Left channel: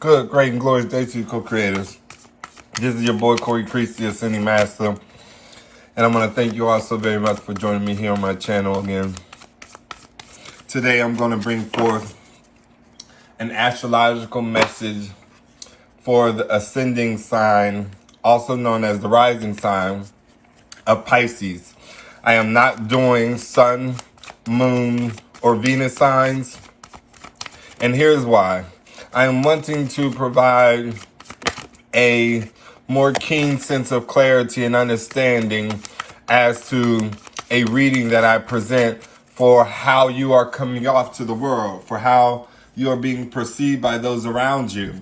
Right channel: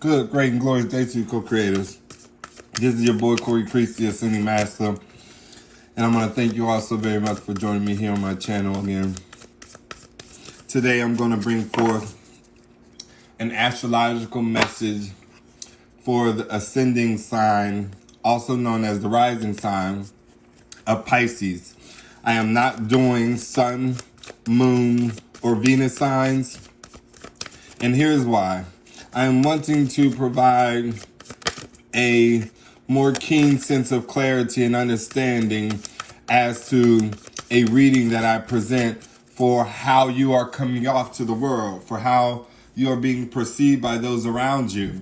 Good, great, and glorious day to you, co-creators. This is your boy, Corey Creech, the Ascending Master. And I'm going to thank you all so very much for joining me here on my channel again. Today, I'm going to bring forth an astrological message for the ascending sign, also known as the rising sign of Pisces. I am not doing sun, moon, or Venus signs. And here's why. I am wanting to provide a more keen sense of clarity and understanding as to a reading that I present for how you are coming off to the world, for how you are being perceived by those around you.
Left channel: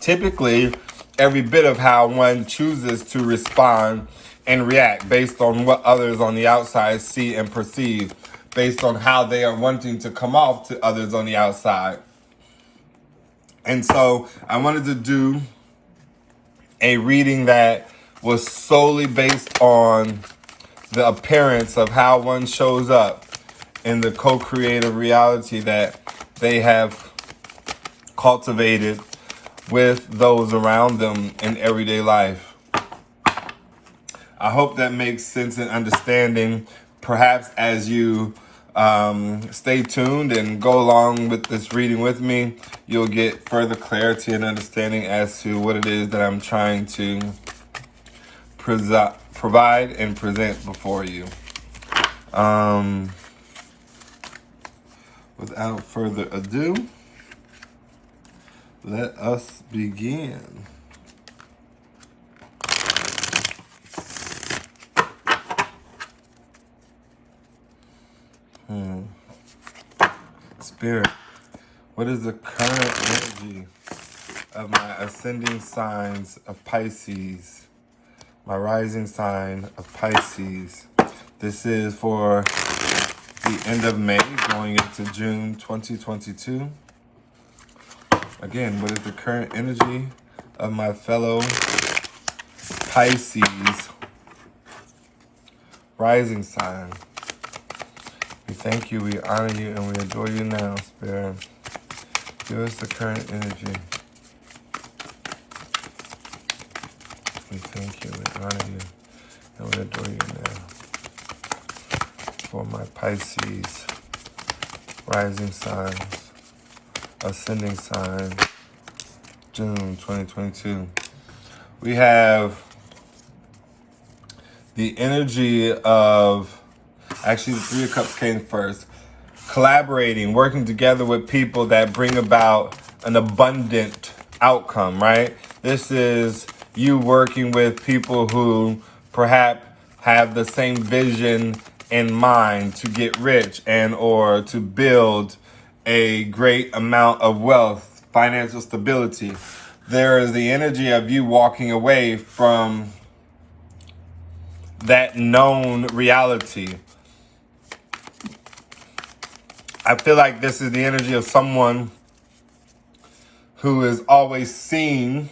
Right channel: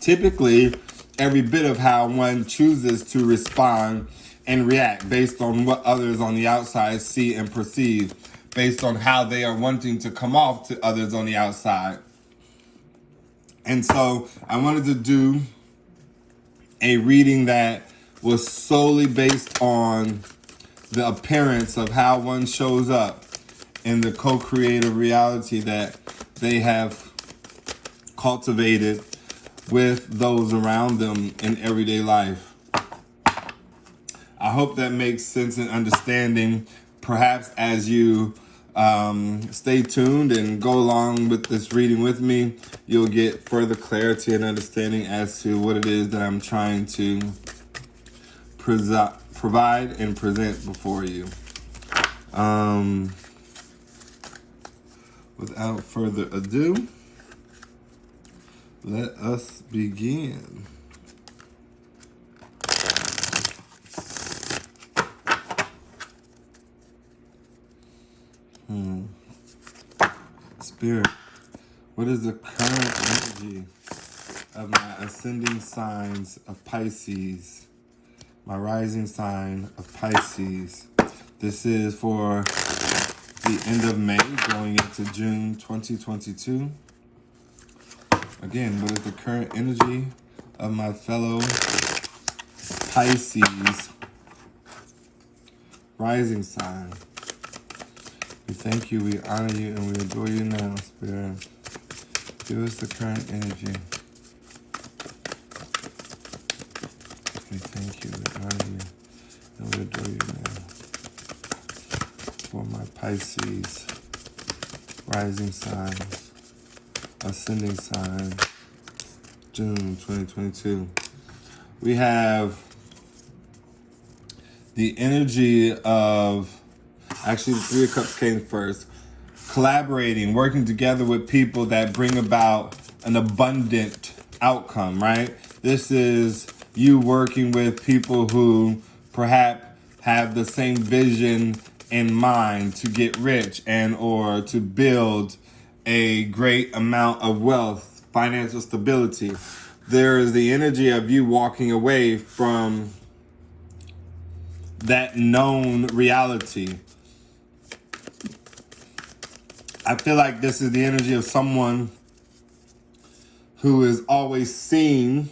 Typically, every bit of how one chooses to respond and react based on what others on the outside see and perceive, based on how they are wanting to come off to others on the outside. And so I wanted to do a reading that was solely based on the appearance of how one shows up in the co-creative reality that they have cultivated with those around them in everyday life. I hope that makes sense and understanding. Perhaps as you stay tuned and go along with this reading with me, you'll get further clarity and understanding as to what it is that I'm trying to provide and present before you. Without further ado, let us begin. Spirit, what is the current energy of my ascending signs of Pisces, my rising sign of Pisces? This is for the end of May going into June 2022. Again, what is the current energy of my fellow Pisces rising sign? We thank you, we honor you, and we adore you now, Spirit. Give us the current energy. We thank you, we honor you, and we adore you now. For my Pisces rising signs, ascending sign, June 2022. We have the energy of, actually, the Three of Cups came first. Collaborating, working together with people that bring about an abundant outcome, right? This is you working with people who perhaps have the same vision in mind to get rich and or to build a great amount of wealth, financial stability. There is the energy of you walking away from that known reality. I feel like this is the energy of someone who is always seen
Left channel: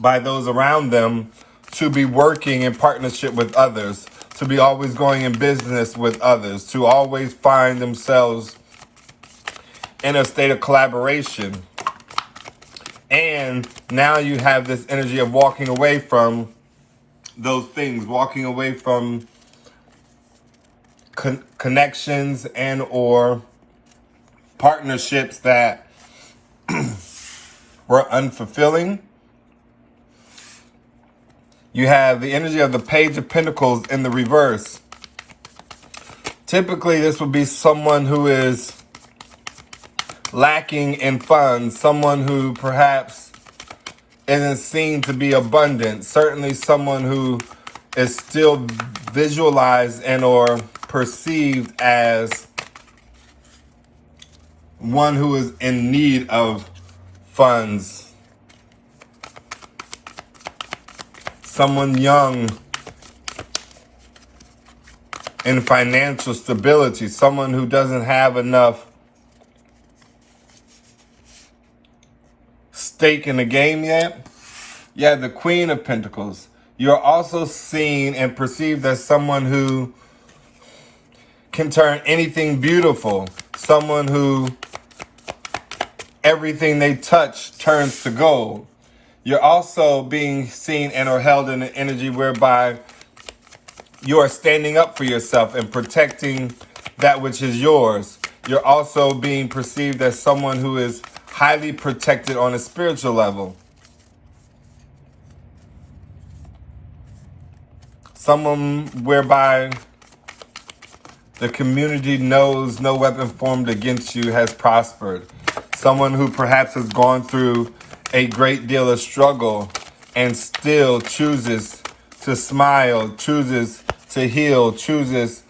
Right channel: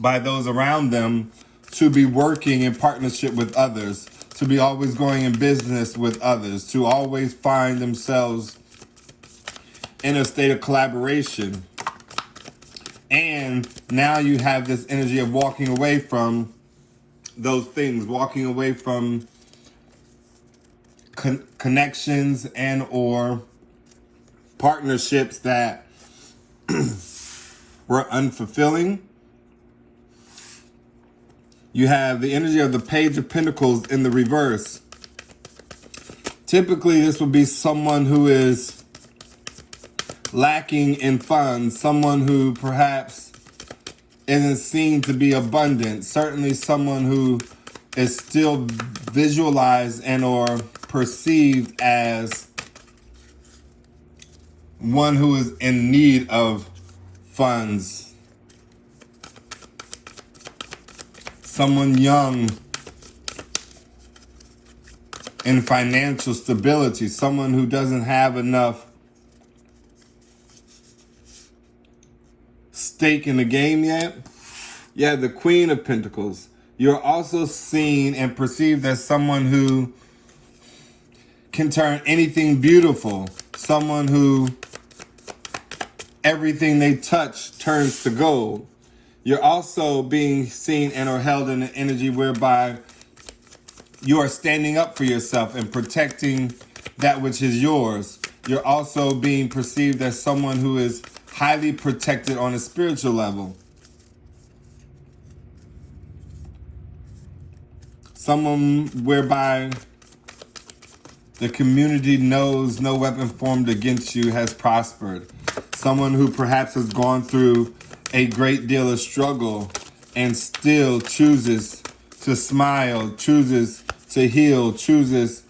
by those around them to be working in partnership with others, to be always going in business with others, to always find themselves in a state of collaboration. And now you have this energy of walking away from those things, walking away from connections and or partnerships that were unfulfilling. You have the energy of the Page of Pentacles in the reverse. Typically, this would be someone who is lacking in funds, someone who perhaps isn't seen to be abundant, certainly someone who is still visualized and or perceived as one who is in need of funds. Someone young in financial stability, someone who doesn't have enough stake in the game yet. Yeah, the Queen of Pentacles. You're also seen and perceived as someone who can turn anything beautiful, someone who everything they touch turns to gold. You're also being seen and or held in an energy whereby you are standing up for yourself and protecting that which is yours. You're also being perceived as someone who is highly protected on a spiritual level. Someone whereby the community knows no weapon formed against you has prospered. Someone who perhaps has gone through a great deal of struggle and still chooses to smile, chooses to heal, chooses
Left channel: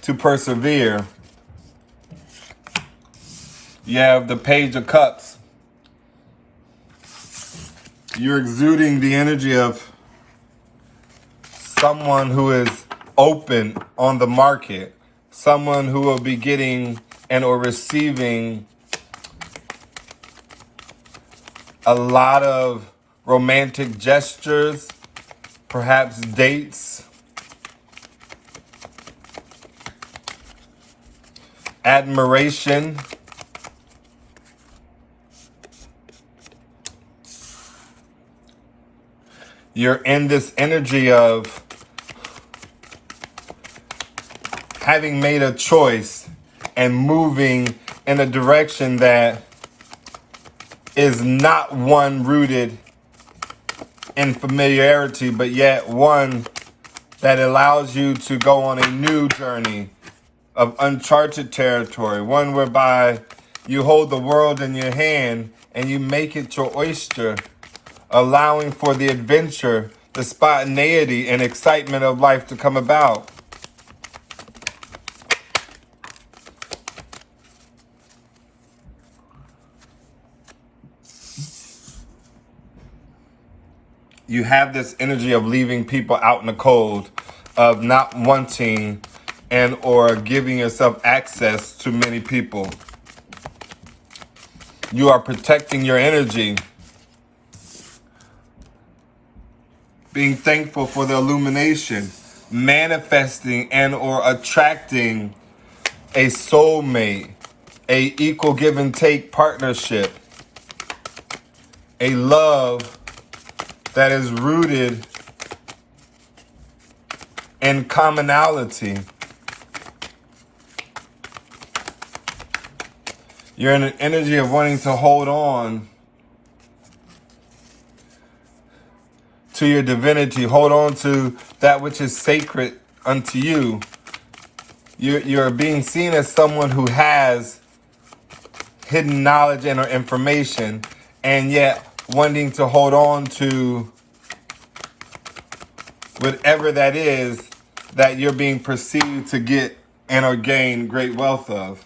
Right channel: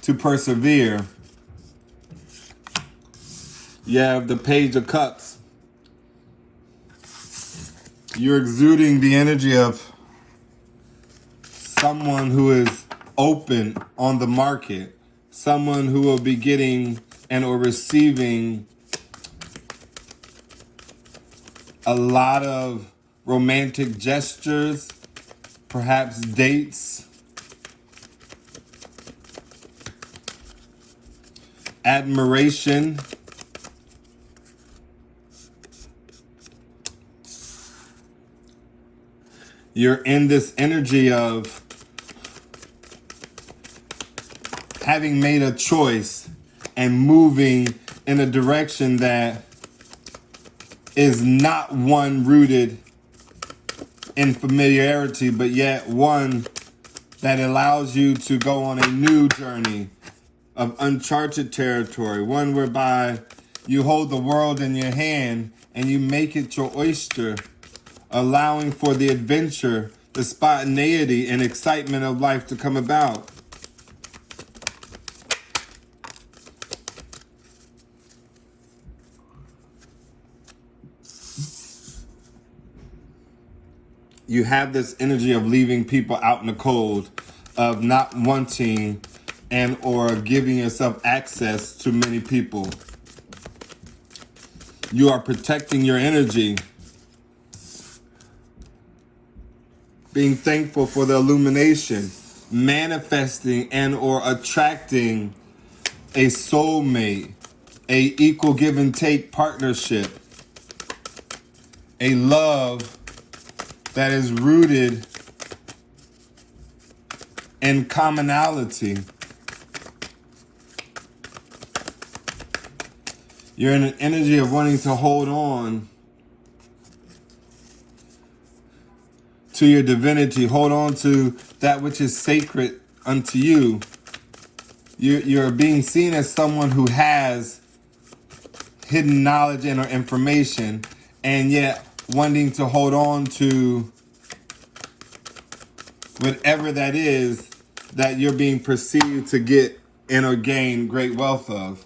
to persevere. You have the Page of Cups. You're exuding the energy of someone who is open on the market, someone who will be getting and or receiving a lot of romantic gestures, perhaps dates, admiration, you're in this energy of having made a choice and moving in a direction that is not one rooted in familiarity, but yet one that allows you to go on a new journey of uncharted territory, one whereby you hold the world in your hand and you make it your oyster, allowing for the adventure, the spontaneity and excitement of life to come about. You have this energy of leaving people out in the cold, of not wanting and or giving yourself access to many people. You are protecting your energy, being thankful for the illumination, manifesting and or attracting a soulmate, a equal give and take partnership, a love that is rooted in commonality. You're in an energy of wanting to hold on to your divinity, hold on to that which is sacred unto you. You're being seen as someone who has hidden knowledge and or information, and yet wanting to hold on to whatever that is that you're being perceived to get and or gain great wealth of.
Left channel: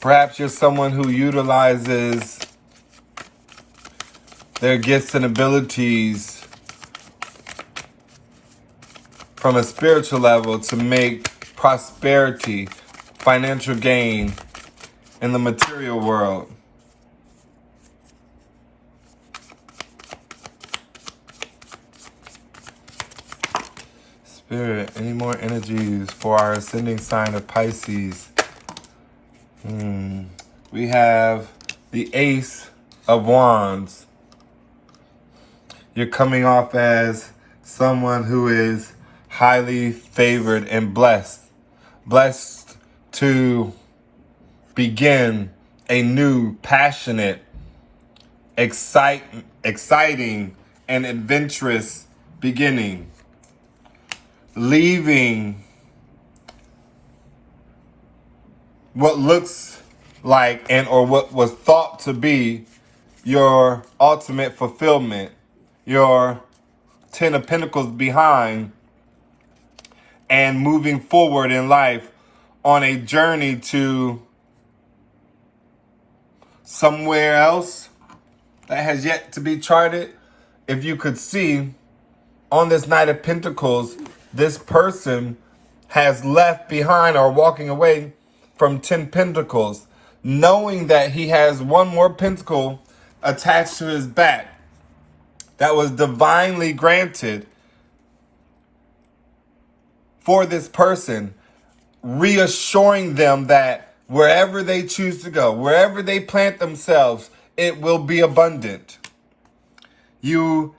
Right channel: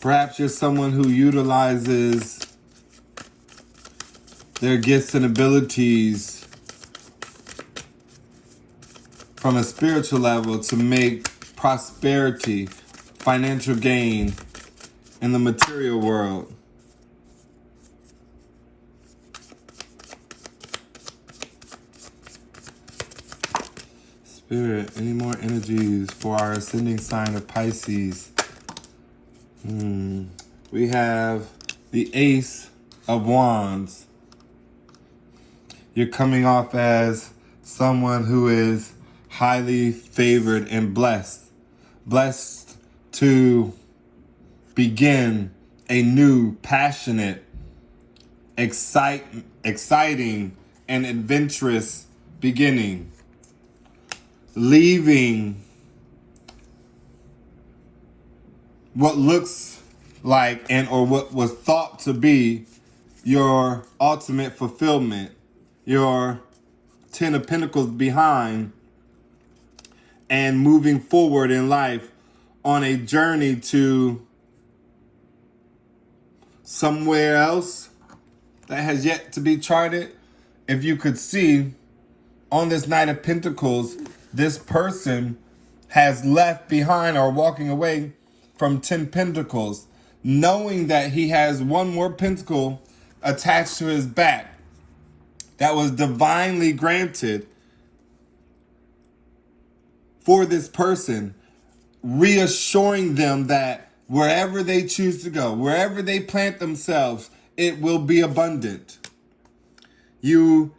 Perhaps you're someone who utilizes their gifts and abilities from a spiritual level to make prosperity, financial gain in the material world. Spirit, any more energies for our ascending sign of Pisces? We have the Ace of Wands. You're coming off as someone who is highly favored and blessed. Blessed to begin a new, passionate, exciting, and adventurous beginning. Leaving what looks like and or what was thought to be your ultimate fulfillment, your 10 of Pentacles behind, and moving forward in life on a journey to somewhere else that has yet to be charted. If you could see on this Knight of Pentacles, this person has left behind or walking away from 10 Pentacles, knowing that he has one more pentacle attached to his back that was divinely granted for this person, reassuring them that Wherever they choose to go, wherever they plant themselves, it will be abundant. You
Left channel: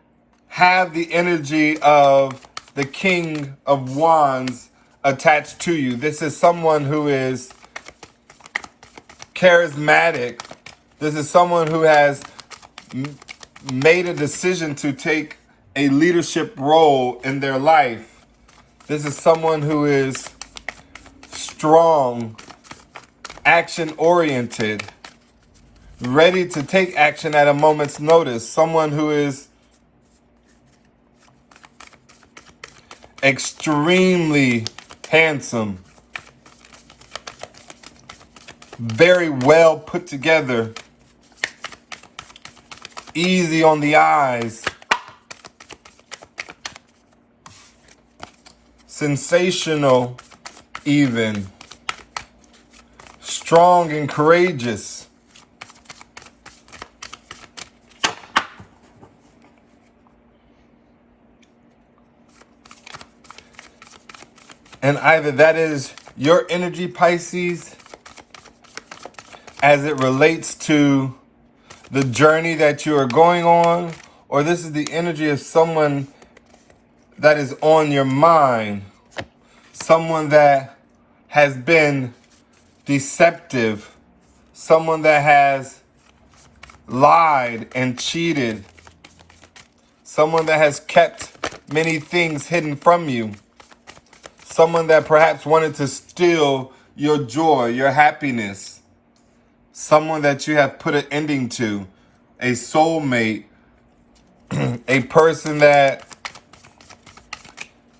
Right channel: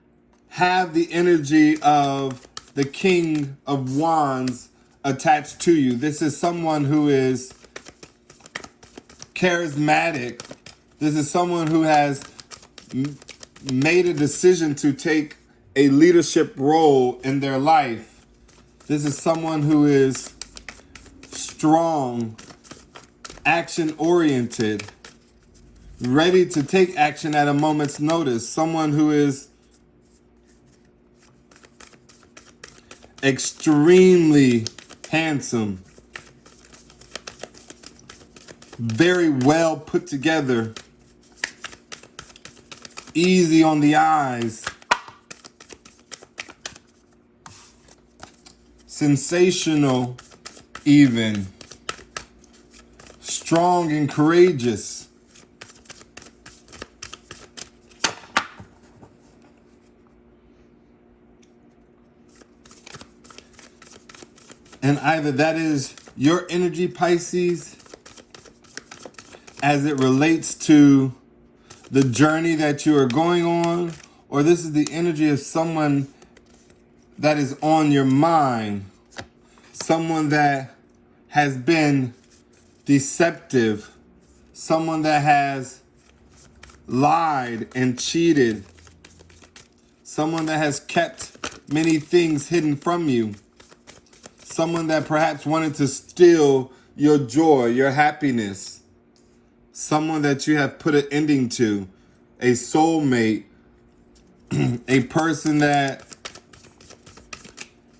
have the energy of the King of Wands attached to you. This is someone who is charismatic. This is someone who has made a decision to take a leadership role in their life. This is someone who is strong, action-oriented, ready to take action at a moment's notice. Someone who is extremely handsome, very well put together, easy on the eyes, sensational even, strong and courageous. And either that is your energy, Pisces, as it relates to the journey that you are going on, or this is the energy of someone that is on your mind, someone that has been deceptive, someone that has lied and cheated, someone that has kept many things hidden from you, someone that perhaps wanted to steal your joy, your happiness, someone that you have put an ending to, a soulmate, a person that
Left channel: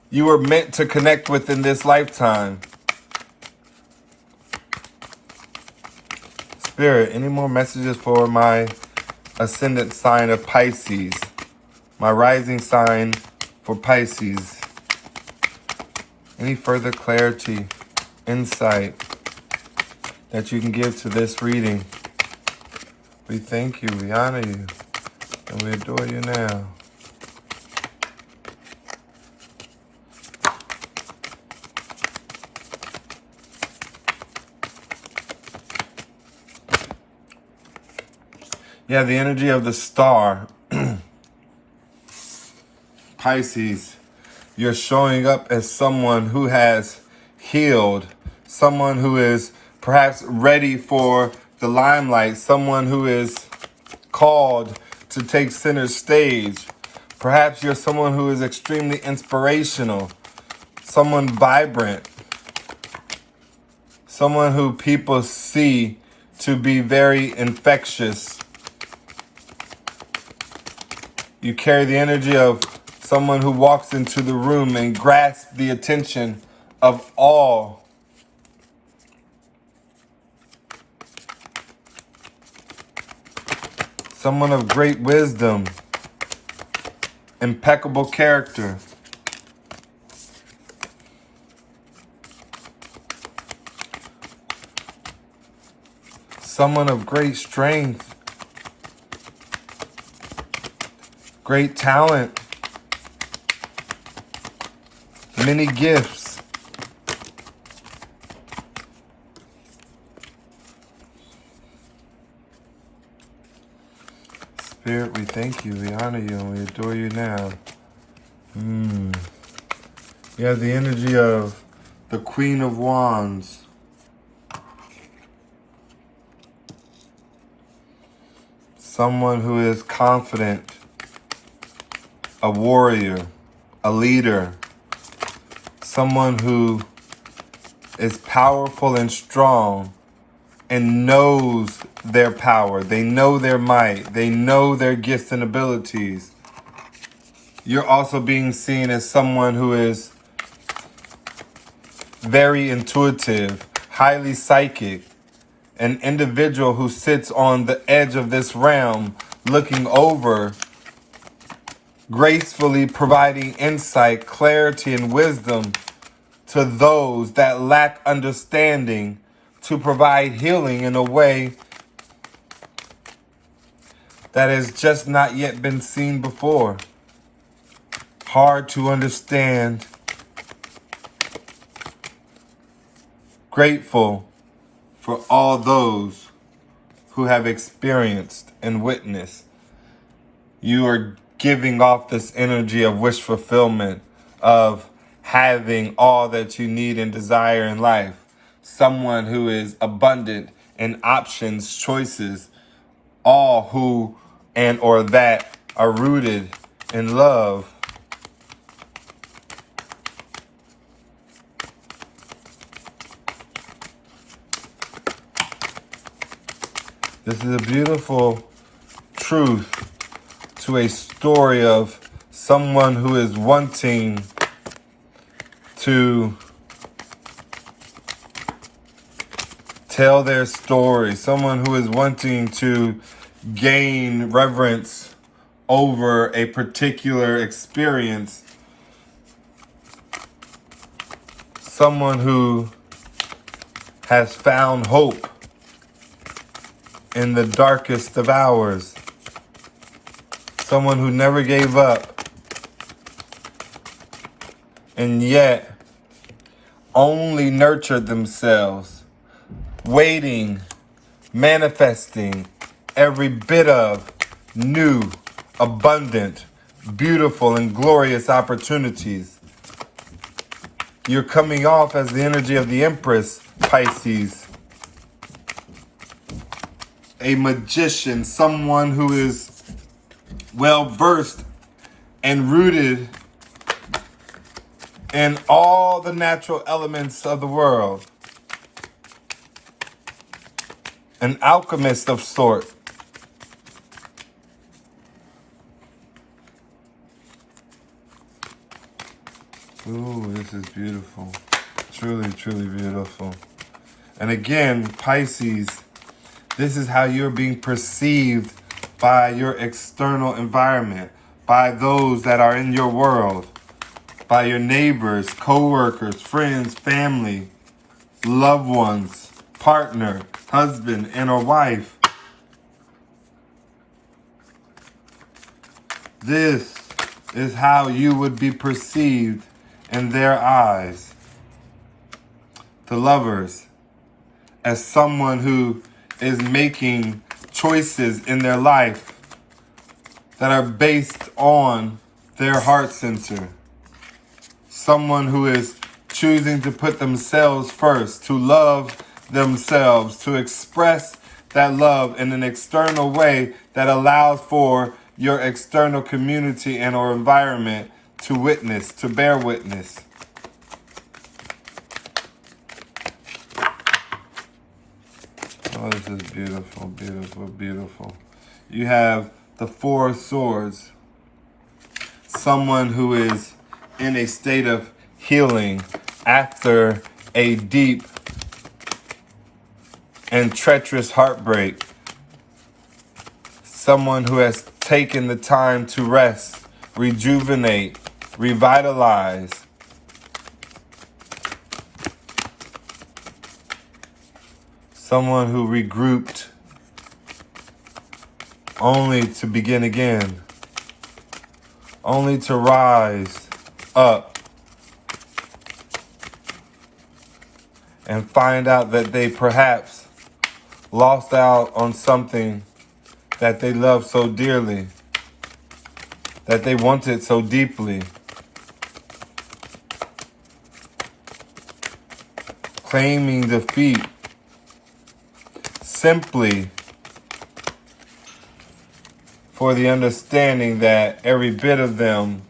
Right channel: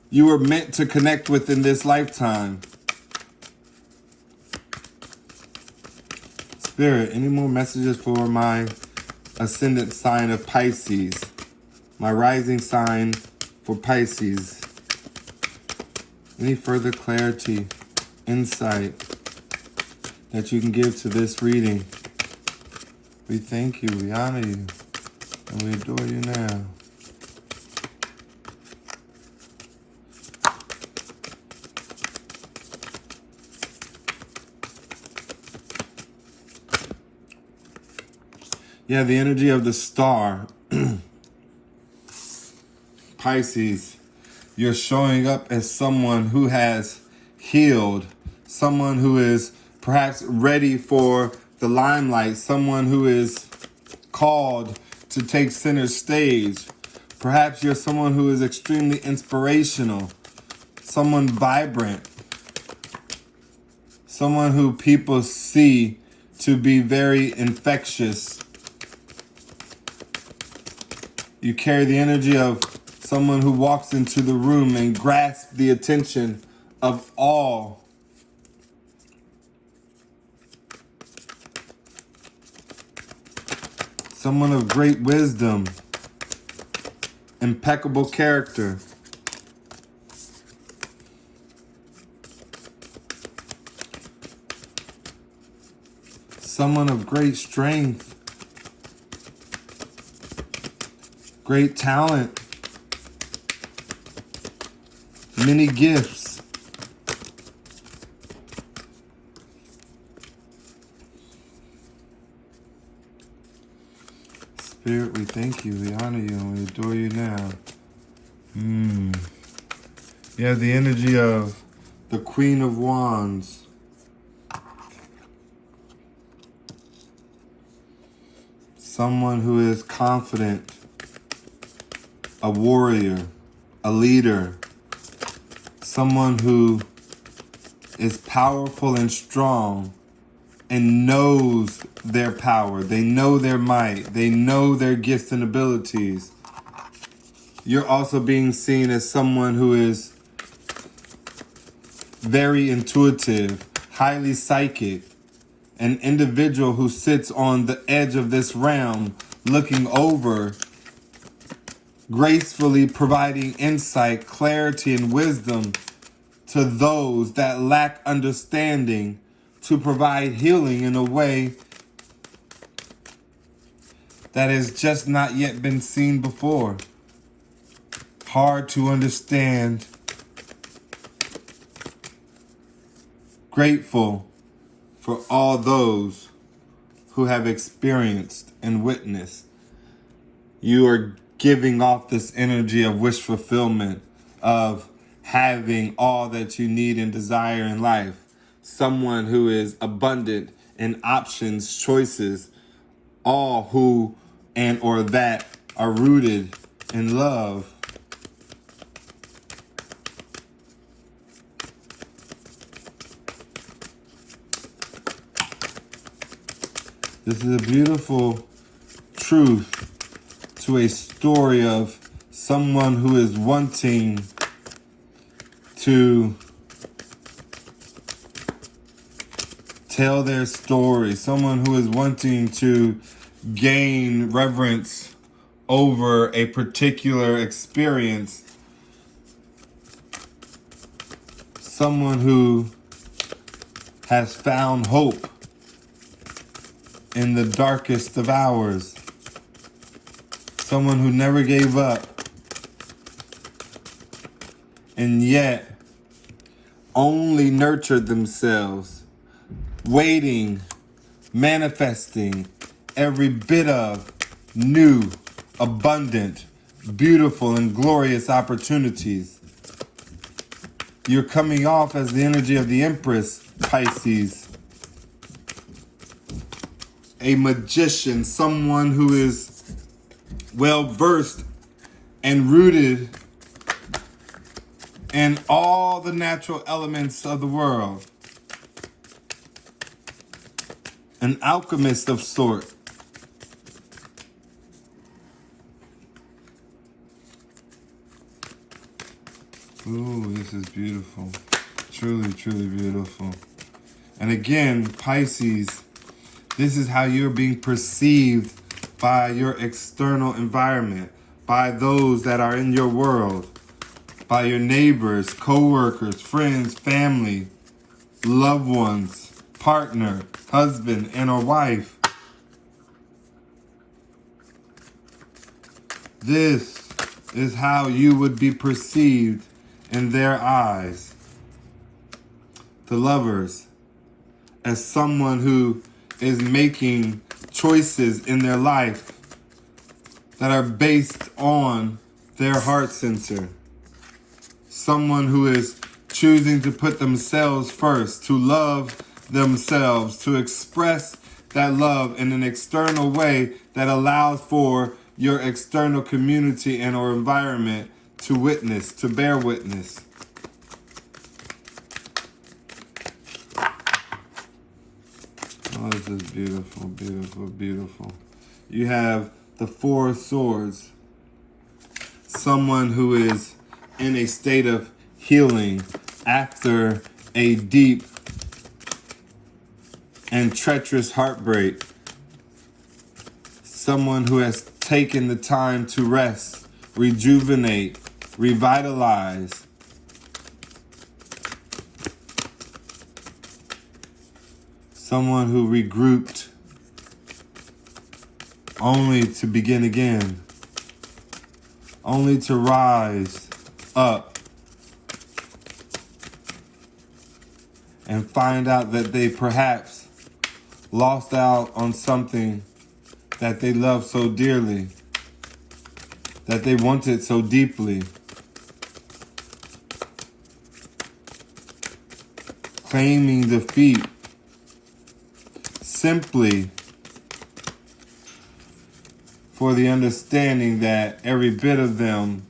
you were meant to connect with in this lifetime. Spirit, any more messages for my ascendant sign of Pisces, my rising sign for Pisces? Any further clarity, insight that you can give to this reading? We thank you, we honor you, and we adore you now. Yeah, the energy of the star. Pisces, you're showing up as someone who has healed, someone who is perhaps ready for the limelight, someone who is called to take center stage. Perhaps you're someone who is extremely inspirational, someone vibrant, someone who people see to be very infectious. You carry the energy of someone who walks into the room and grasps the attention of all. Someone of great wisdom, impeccable character. Someone of great strength, great talent, many gifts. Spirit, we thank you, we honor you, and we adore you now. Yeah, the energy of the Queen of Wands. Someone who is confident, a warrior, a leader, someone who is powerful and strong and knows their power. They know their might. They know their gifts and abilities. You're also being seen as someone who is very intuitive, highly psychic, an individual who sits on the edge of this realm, looking over, gracefully providing insight, clarity, and wisdom to those that lack understanding, to provide healing in a way that has just not yet been seen before. Hard to understand. Grateful for all those who have experienced and witnessed. You are giving off this energy of wish fulfillment, of having all that you need and desire in life. Someone who is abundant in options, choices, all who and or that are rooted in love. This is a beautiful truth to a story of someone who is wanting to tell their story, someone who is wanting to gain reverence over a particular experience, someone who has found hope in the darkest of hours, someone who never gave up, and yet only nurtured themselves, waiting, manifesting every bit of new, abundant, beautiful, and glorious opportunities. You're coming off as the energy of the Empress, Pisces. A magician, someone who is well versed and rooted in all the natural elements of the world. An alchemist of sort. Ooh, this is beautiful. Truly, truly beautiful. And again, Pisces, this is how you're being perceived by your external environment, by those that are in your world, by your neighbors, co-workers, friends, family, loved ones, partner, husband, and a wife. This is how you would be perceived in their eyes. The lovers, as someone who is making choices in their life that are based on their heart center. Someone who is choosing to put themselves first, to love themselves, to express that love in an external way that allows for your external community and or environment to witness, to bear witness. Oh, this is beautiful, beautiful, beautiful. You have the Four of Swords. Someone who is in a state of healing after a deep and treacherous heartbreak. Someone who has taken the time to rest, rejuvenate, revitalize. Someone who regrouped only to begin again, only to rise up and find out that they perhaps lost out on something that they loved so dearly, that they wanted so deeply. Claiming defeat simply for the understanding that every bit of them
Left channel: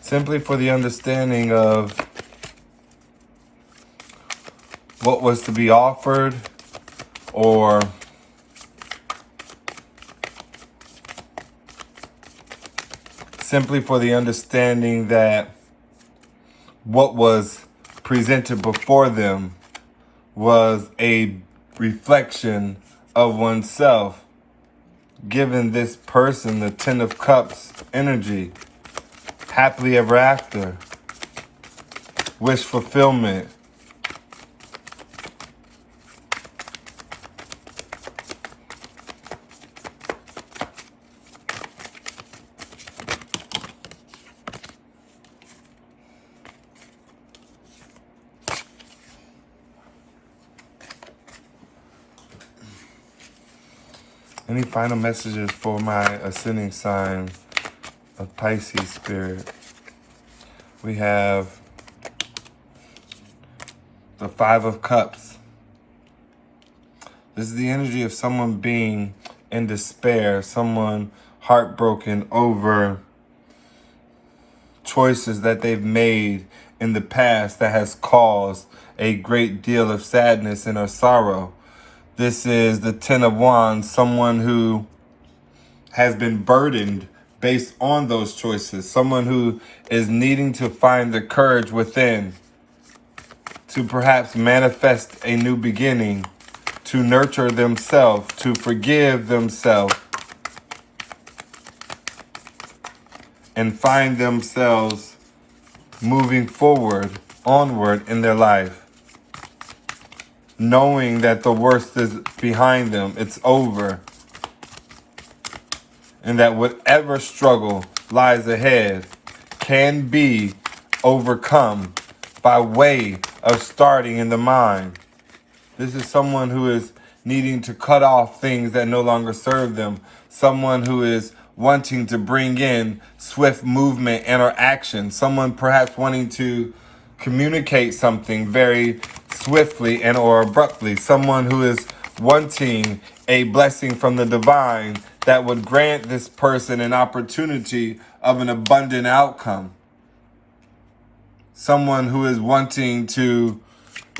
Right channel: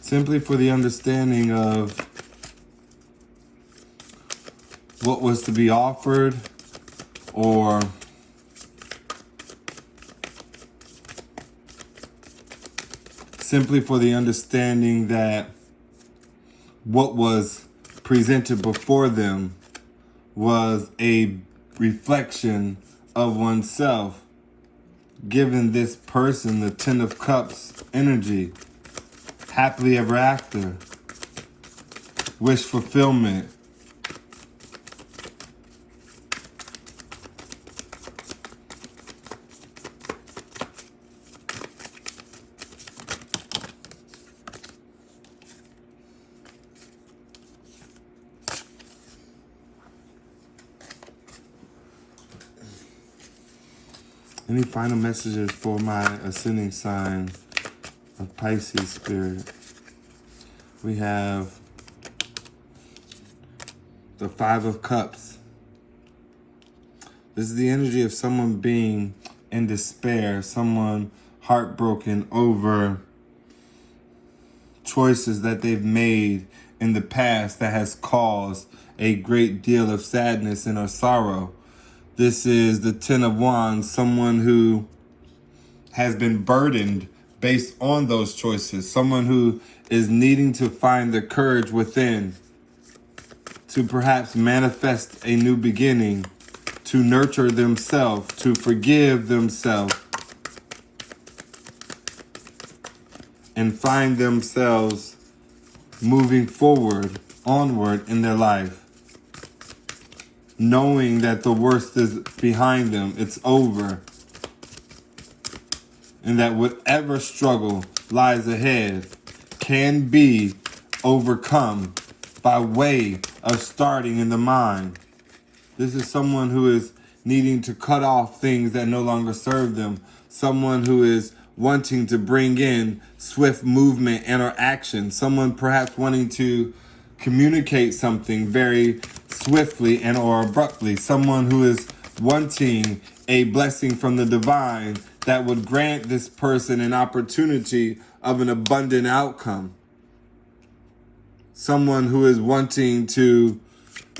simply for the understanding of what was to be offered, or simply for the understanding that what was presented before them was a reflection of oneself, giving this person the Ten of Cups energy, happily ever after, wish fulfillment, Any final messages for my ascending sign of Pisces spirit? We have the Five of Cups. This is the energy of someone being in despair, someone heartbroken over choices that they've made in the past that has caused a great deal of sadness and or sorrow. This is the Ten of Wands, someone who has been burdened based on those choices, someone who is needing to find the courage within to perhaps manifest a new beginning, to nurture themselves, to forgive themselves, and find themselves moving forward, onward in their life, knowing that the worst is behind them, it's over, and that whatever struggle lies ahead can be overcome by way of starting in the mind. This is someone who is needing to cut off things that no longer serve them, someone who is wanting to bring in swift movement and or action, someone perhaps wanting to communicate something very swiftly and or abruptly, someone who is wanting a blessing from the divine that would grant this person an opportunity of an abundant outcome. Someone who is wanting to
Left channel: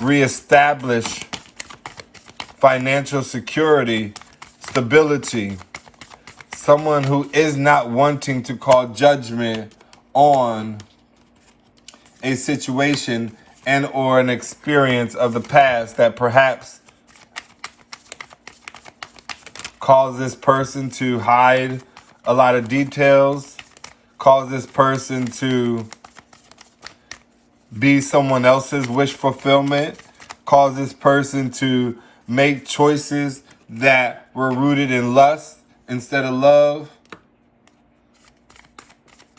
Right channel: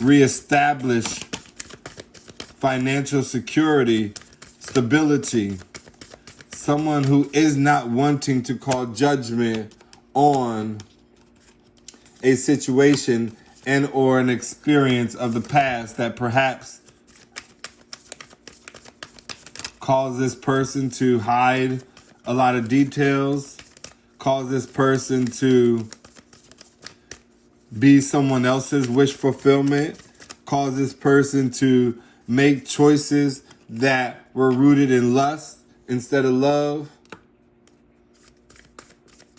reestablish financial security, stability. Someone who is not wanting to call judgment on a situation and or an experience of the past that perhaps caused this person to hide a lot of details, caused this person to be someone else's wish fulfillment, caused this person to make choices that were rooted in lust instead of love.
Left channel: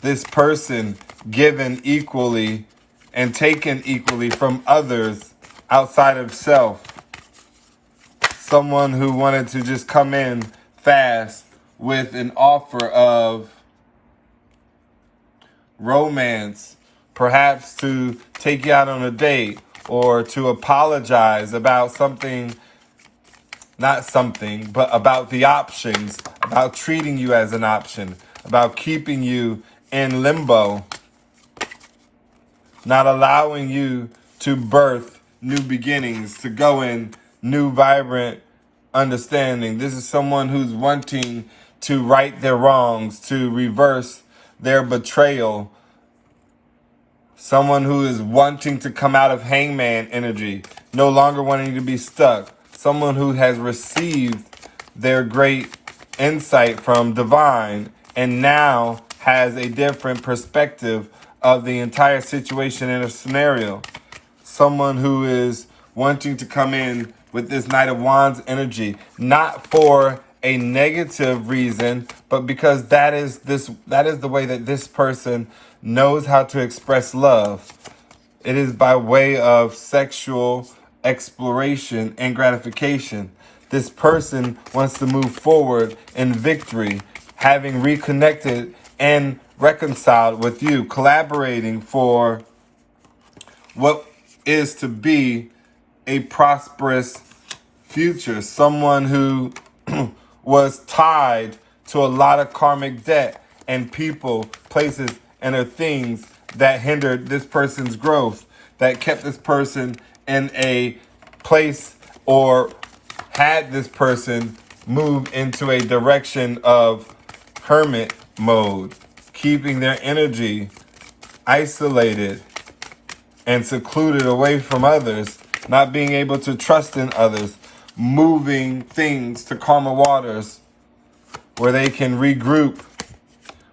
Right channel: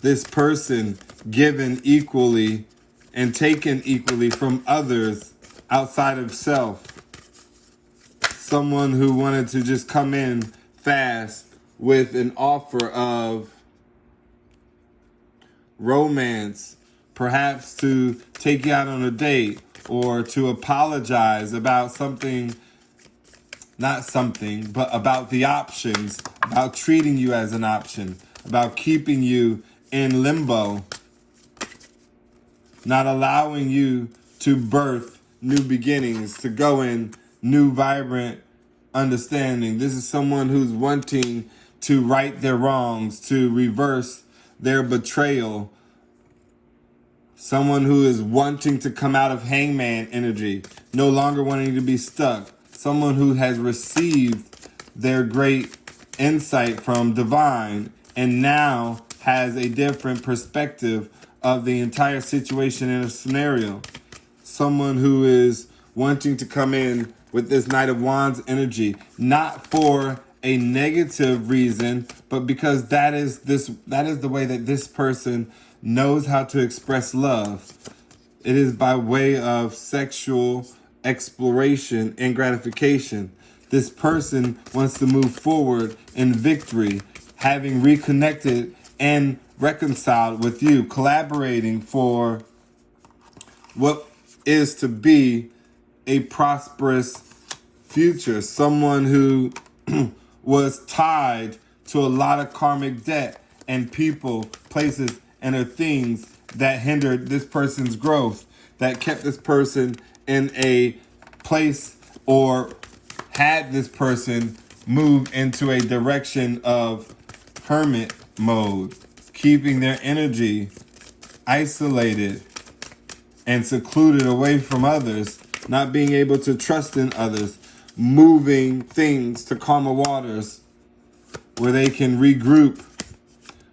This person given equally and taken equally from others outside of self. Someone who wanted to just come in fast with an offer of romance, perhaps to take you out on a date or to apologize about something, not something, but about the options, about treating you as an option, about keeping you in limbo, not allowing you to birth new beginnings, to go in new, vibrant understanding. This is someone who's wanting to right their wrongs, to reverse their betrayal. Someone who is wanting to come out of hangman energy, no longer wanting to be stuck. Someone who has received their great insight from divine and now has a different perspective of the entire situation in a scenario. Someone who is wanting to come in with this Knight of Wands energy, not for a negative reason, but because that is the way that this person knows how to express love. It is by way of sexual exploration and gratification. This person wants to move forward in victory, having reconnected and reconciled with you, collaborating for what is to be a prosperous future. Someone who was tied to a lot of karmic debt and people, places, and or things that hindered this person's growth, that kept this person in a place or had this person move into a direction of hermit mode, keeping their energy isolated and secluded away from others, not being able to trust in others, moving things to calmer waters where they can regroup,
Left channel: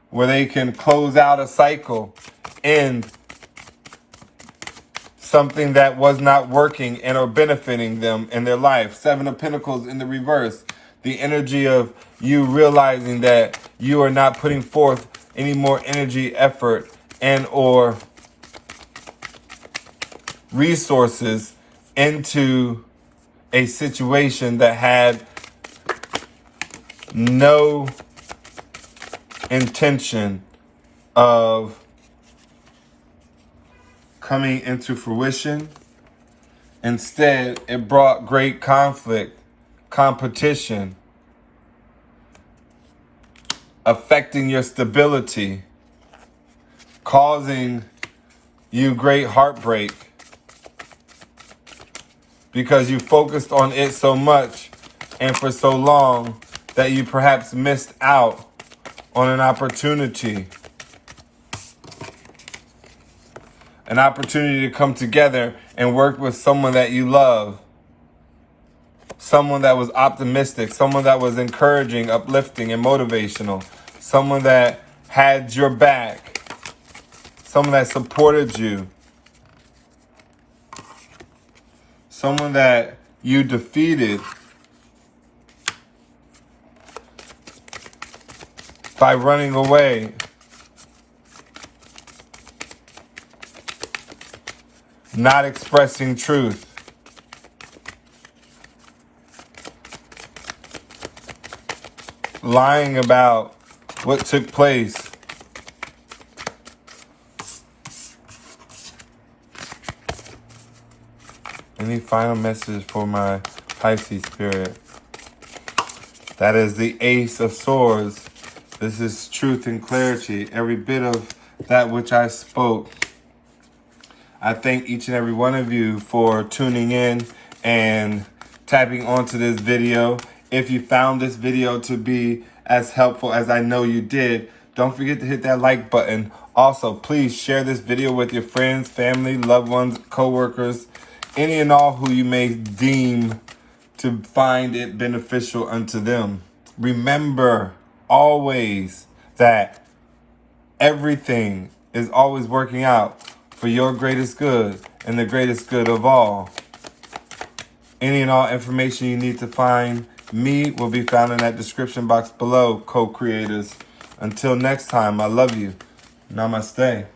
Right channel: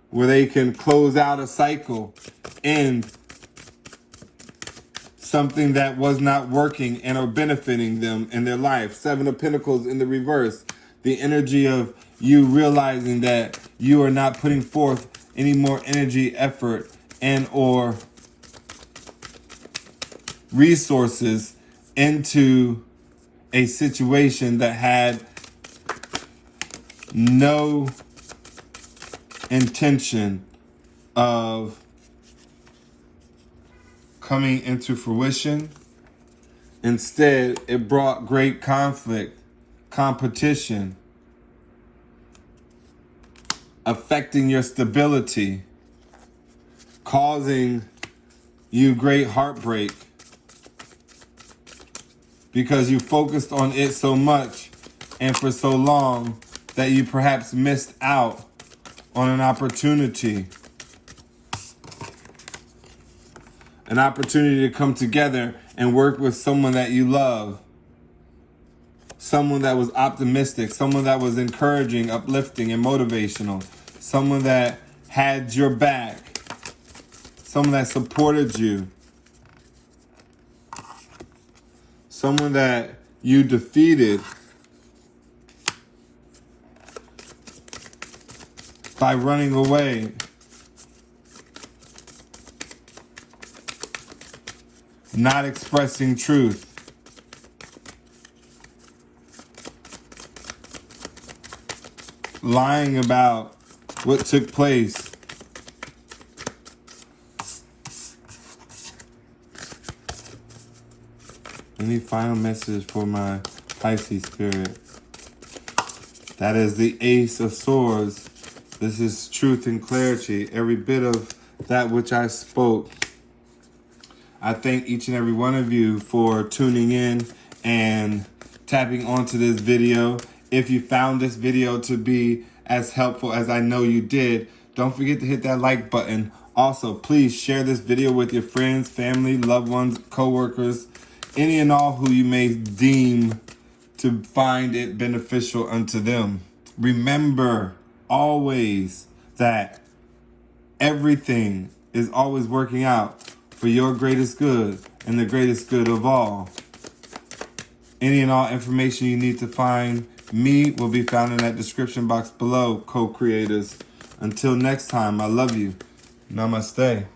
where they can close out a cycle, end something that was not working and or benefiting them in their life. Seven of Pentacles in the reverse. The energy of you realizing that you are not putting forth any more energy, effort, and or resources into a situation that had no intention of coming into fruition. Instead, it brought great conflict, competition, affecting your stability, causing you great heartbreak because you focused on it so much and for so long that you perhaps missed out on an opportunity. An opportunity to come together and work with someone that you love. Someone that was optimistic, someone that was encouraging, uplifting, and motivational. Someone that had your back. Someone that supported you. Someone that you defeated by running away. Not expressing truth. Lying about what took place. Any final message for my Pisces spirit? That is the Ace of Swords. This is truth and clarity. Every bit of that which I spoke. I thank each and every one of you for tuning in and tapping onto this video. If you found this video to be as helpful as I know you did, don't forget to hit that like button. Also, please share this video with your friends, family, loved ones, co-workers, any and all who you may deem to find it beneficial unto them. Remember always that everything is always working out for your greatest good and the greatest good of all. Any and all information you need to find me will be found in that description box below, co-creators. Until next time, I love you. Namaste.